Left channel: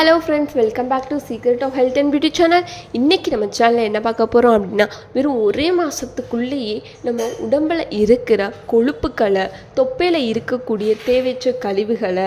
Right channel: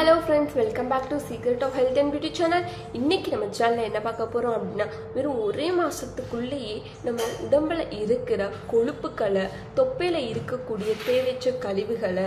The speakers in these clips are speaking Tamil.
Hello friends, welcome back to Secret of Health and Beauty channel. இன்னைக்கு நம்ம சேனல்ல என்ன பார்க்க போறோம் அப்படினா வெறும் ஒரே மாசத்துக்குள்ளேயே நம்ம உடம்புல இருக்கிற கொழுப்புகளை, தொப்பையில இருக்கக்கூடிய தேவையற்ற கழிவுகளை,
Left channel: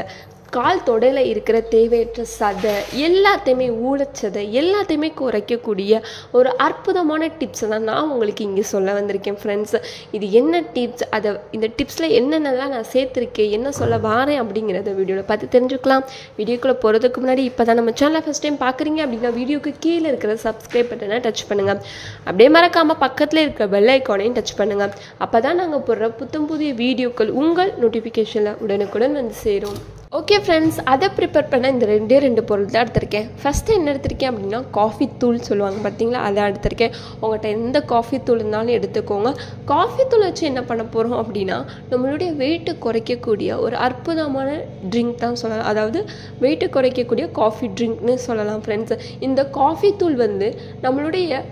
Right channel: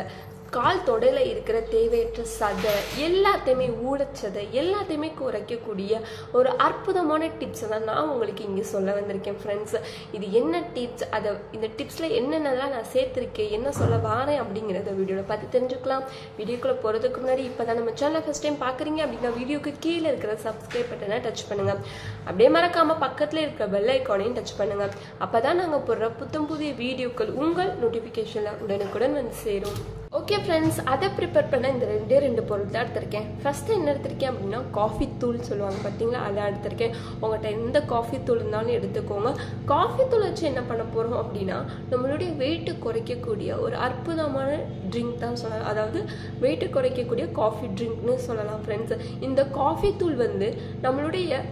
கால் தொடையில இருக்கிற தேவையற்ற சதை எல்லாத்தையுமே ஊழச்சதை எல்லாத்தையுமே குறைக்கக்கூடிய ஒரு அற்புதமான டிப்ஸ் தான் நான் உங்களுக்கு இங்கே சொல்ல வந்திருக்கேன் ஃப்ரெண்ட்ஸ். இது என்ன டிப்ஸ், அதை இந்த டிப்ஸில் என்னென்னலாம் நான் சேர்த்துருக்கேன், என்ன சொல்ல வரேன் அப்படிங்கிறத வீடியோவில் பார்த்து தெரிஞ்சுக்கலாம். வீடியோக்குள்ளே போகிறதுக்கு முன்னாடி இப்போ தான் நம்ம சேனலை ஃபஸ்ட் டைம் பார்க்குறீங்க அப்படின்னா வீடியோக்கு கீழே இருக்கிற சப்ஸ்கிரைப் பட்டனை டச் பண்ணுங்கள். அப்படியே மறக்காமல் பக்கத்தில் இருக்கிற பெல் ஐக்கானையும் டச் பண்ணுங்கள். அப்போ தான் நாங்கள் போடுற புத்தம் புதிய வீடியோக்கள் உங்கள் நோட்டிஃபிகேஷனில் உடனுக்குடன் வந்து சேரும். ஓகே ஃப்ரெண்ட்ஸ், அதை ப்ரிப்பேர் பண்ண இந்த ரெண்டே பொருள் தான் எடுத்திருக்கேன். ஃபஸ்ட்டு என்ன எடுத்திருக்கேன் அப்படின்னா காஃபி தூள் சொல்லுவாங்க பார்த்தீங்களா, அதை எடுத்திருக்கேன். உங்கள்கிட்ட எந்த காஃபி தூள் இருந்தாலும் எடுத்துக்கோங்க. காஃபி தூள் வச்சு என்ன பண்ண போகிறோம் அப்படின்னா நம்மளுடைய வெயிட்டு குறைக்கக்கூடிய ஒரு அற்புதமான ட்ரிங்க் தான் சொல்லலாம். அதாவது வெயிட்டு குறைக்கக்கூடிய காஃபி ட்ரிங்க்னு சொல்லலாம் ஃப்ரெண்ட்ஸ். இந்த காஃபி தூள் வந்து நம்மளுடைய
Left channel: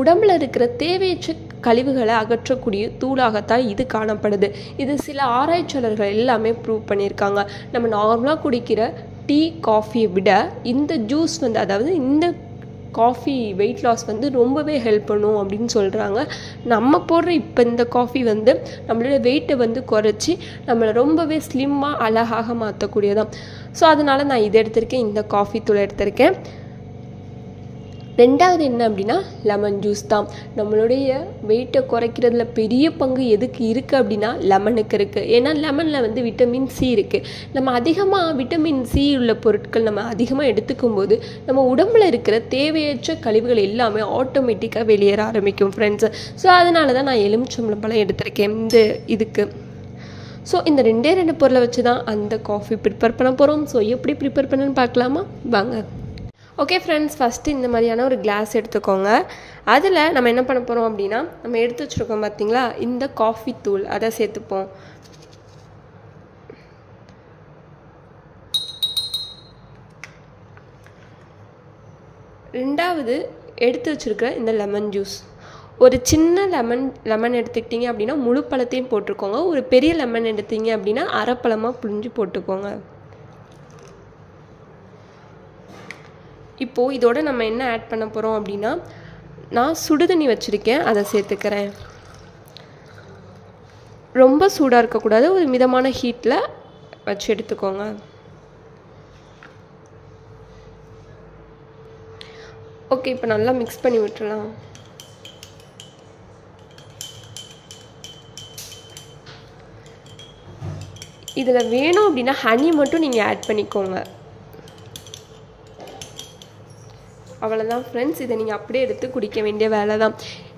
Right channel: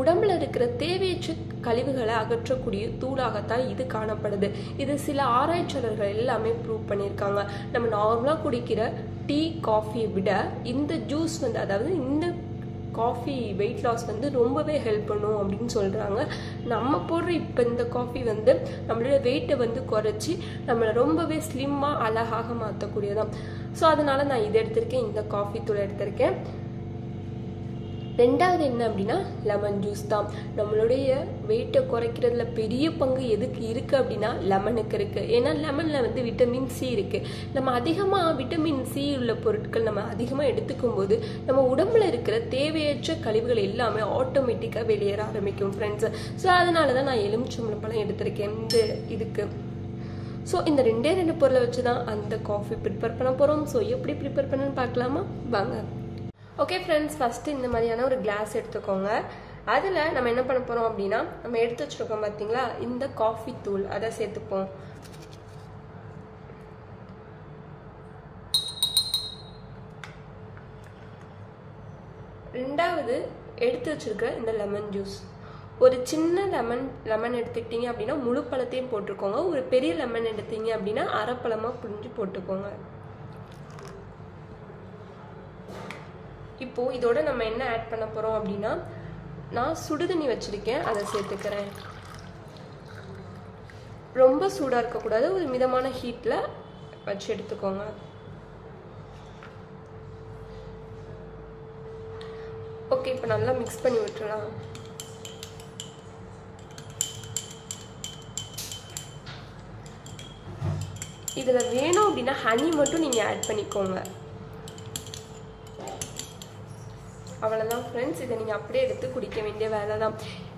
உடம்புல இருக்கிற தேவையற்ற கழிவுகளை அகற்றக்கூடிய தூளாகத்தான் இது காணப்படுது. இது சில ஆராய்ச்சியாளர்கள் எல்லாமே ப்ரூவ் பண்ணியிருக்காங்க. நம்ம நார்மலாக குடிக்கிற டீ காஃபியை விட இந்த ஜூஸ் வந்து, அதாவது இந்த காஃபி வெயிட் லாஸ் வந்து ரொம்பவே ஹெல்ப் பண்ணும் அப்படின்னு சொல்கிறாங்க. நம்ம போடுற இப்போ இந்த காஃபி வந்து நம்மளோட வெயிட்டை வந்து குறைச்சி நம்மளை ரொம்பவே ஸ்லிம்மாக அழகாக மாற்றக்கூடியதான். ஸோ அதனால் நான் இதை எடுத்திருக்கேன், இந்த காஃபி தூள் எடுத்திருக்கேன். ரெண்டாவது என்ன அப்படின்னா லெமன் ஜூஸ் தான். நம்மளுடைய வெயிட்டை குறைக்கிறதுல பெரிய பங்கு எதுக்கு இருக்குது அப்படின்னா லெமனுக்கு இருக்குது. ஏன்னா லெமனில் வந்து விட்டமின் சி இருக்குது. நம்ம அதிகமாக விட்டமின் சி உள்ள பொருட்கள் நம்ம அதிகமாக எடுத்துக்கும் போது நம்ம உடம்புல இருக்கிற தேவையற்ற கழிவுகள் எல்லாமே ஆட்டோமேட்டிக்காக வெளியேற ஆரம்பிக்கும் ஃப்ரெண்ட்ஸ். ஸோ அதனால தான் நான் எலுமிச்சம்பழம் எடுத்திருக்கேன் இந்த இதுக்கு. ஸோ இந்த ரெண்டு பொருளை வச்சு தான் அந்த காஃபி ப்ரிப்பேர் பண்ண போகிறோம். ஸோ எப்படி ப்ரிப்பேர் பண்ணணும்னு பார்க்கலாமா வாங்க. ஓகே ஃப்ரெண்ட்ஸ், ஃபஸ்ட்டு இந்த மாதிரியான ஒரு கிளாஸ் எடுத்துக்கோங்க. அதில் நம்ம என்ன பண்ண போகிறோம் அப்படின்னா நம்ம எடுத்து வச்சுருக்கோம் பார்த்தீங்களா இந்த காஃபி தூள், அதை சேர்த்துப்போம். ரெண்டாவது எடுத்து வச்சுருக்கிற இந்த லெமன் ஜூஸ். ஒரு சின்ன லெமன் எடுத்துக்கிட்டிங்க அப்படின்னா முழு பழத்தையும் போட்டுக்கோங்க. ஒரு பெரிய லெமன் எடுத்தீங்க அப்படின்னா அரை பழமாக புழிஞ்சு போட்டுக்கோங்க. இப்போது இதோட நம்ம என்ன ஆட் பண்ண போகிறோம் அப்படின்னா நான் சுடுதண்ணி வச்சுருக்கேன், அதை சேர்த்துக்கிறேன். ரொம்ப சூடாக இருக்கக்கூடாது, ஒரு மிதமான ஹீட்டில் வச்சு எடுத்துக்கோங்க. ஓகே, இப்போ நல்லா மிக்ஸ் பண்ணி விட்டுறலாம். இதில் வேணும் அப்படின்னா ஹனி மட்டும் நீங்கள் ஆட் பண்ணிக்கோங்க. அவ்வளோதான் ஃப்ரெண்ட்ஸ், இதை நீங்கள் அப்படியே எடுத்து குடிக்க வேண்டிய வேலை தான்.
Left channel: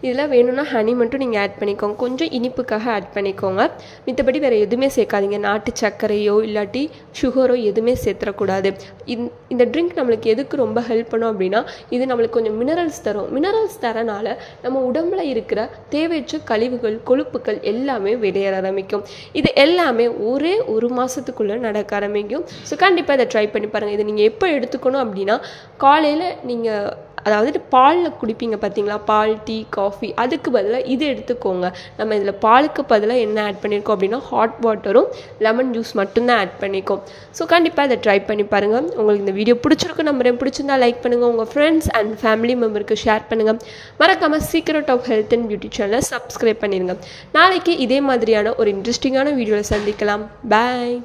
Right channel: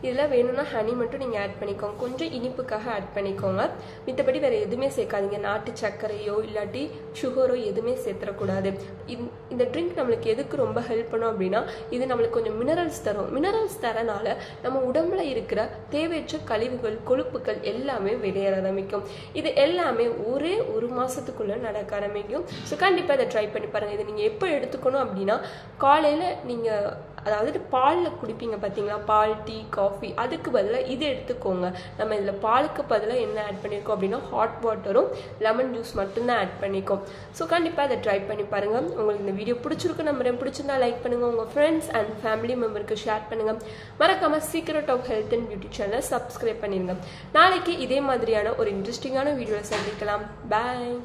இதில் வேணும்னா ஹனி மட்டும் நீங்கள் ஆட் பண்ணிக்கோங்க, கொஞ்சம் இனிப்புக்காக ஆட் பண்ணிக்கோங்க. மித்தபடி வேறு எதுவுமே சேர்க்காதீங்க. நாட்டு சர்க்கரையோ இல்லாட்டி சுகரோ எதுவுமே சேர்த்துடக்கூடாது. இந்த ட்ரிங்க் நம்மளுக்கு எதுக்கு ரொம்ப ஹெல்ப் பண்ணும் அப்படின்னா இது நம்மளுக்கு கொஞ்சம் மினரல்ஸ் தரும். மினரல்ஸ் தரனால நம்ம உடம்புல இருக்கிற தேவையற்ற கழிவுகள், கொழுப்புகள் எல்லாமே வெளியேற ஆரம்பிக்கும். இது எல்லாமே ஒரே ஒரு மாதத்துக்குள்ளே நடக்க ஆரம்பிக்கும். ஸோ கண்டிப்பாக இதை ட்ரை பண்ணி பாருங்கள். இதை நீங்கள் எப்போ எடுத்துக்கணும் அப்படின்னா காலையில் நீங்கள் அதாவது பாலில் குடிப்பீங்க பார்த்தீங்களா, பால், டீ, காஃபி, அதுக்கு பதிலாக இது எடுத்துக்கோங்க. நம்ம இதில் பாலுக்கு பதிலாக என்ன ஆட் பண்ணியிருக்கோம் அப்படின்னா ஹாட் வாட்டரும் லெமன் ஜூஸ் மட்டும்தான் ஆட் பண்ணிக்கோம். ஸோ கண்டிப்பாக இதை ட்ரை பண்ணி பாருங்கள். உங்களுக்கு இந்த வீடியோ பிடிச்சிருக்கு நம்புறேன். பிடிச்சிருந்தா லைக் பண்ணுங்கள், உங்கள் ஃப்ரெண்ட்ஸ் அண்ட் ஃபேமிலி மெம்பருக்கு ஷேர் பண்ணுங்கள். மறக்காமல் secret of health and beauty சேனலை சப்ஸ்கிரைப் பண்ணிடுங்க. நாளைக்கு இதே மாதிரியான ஒரு இன்ட்ரெஸ்டிங்கான வீடியோவில் சந்திக்கலாம். பாய்.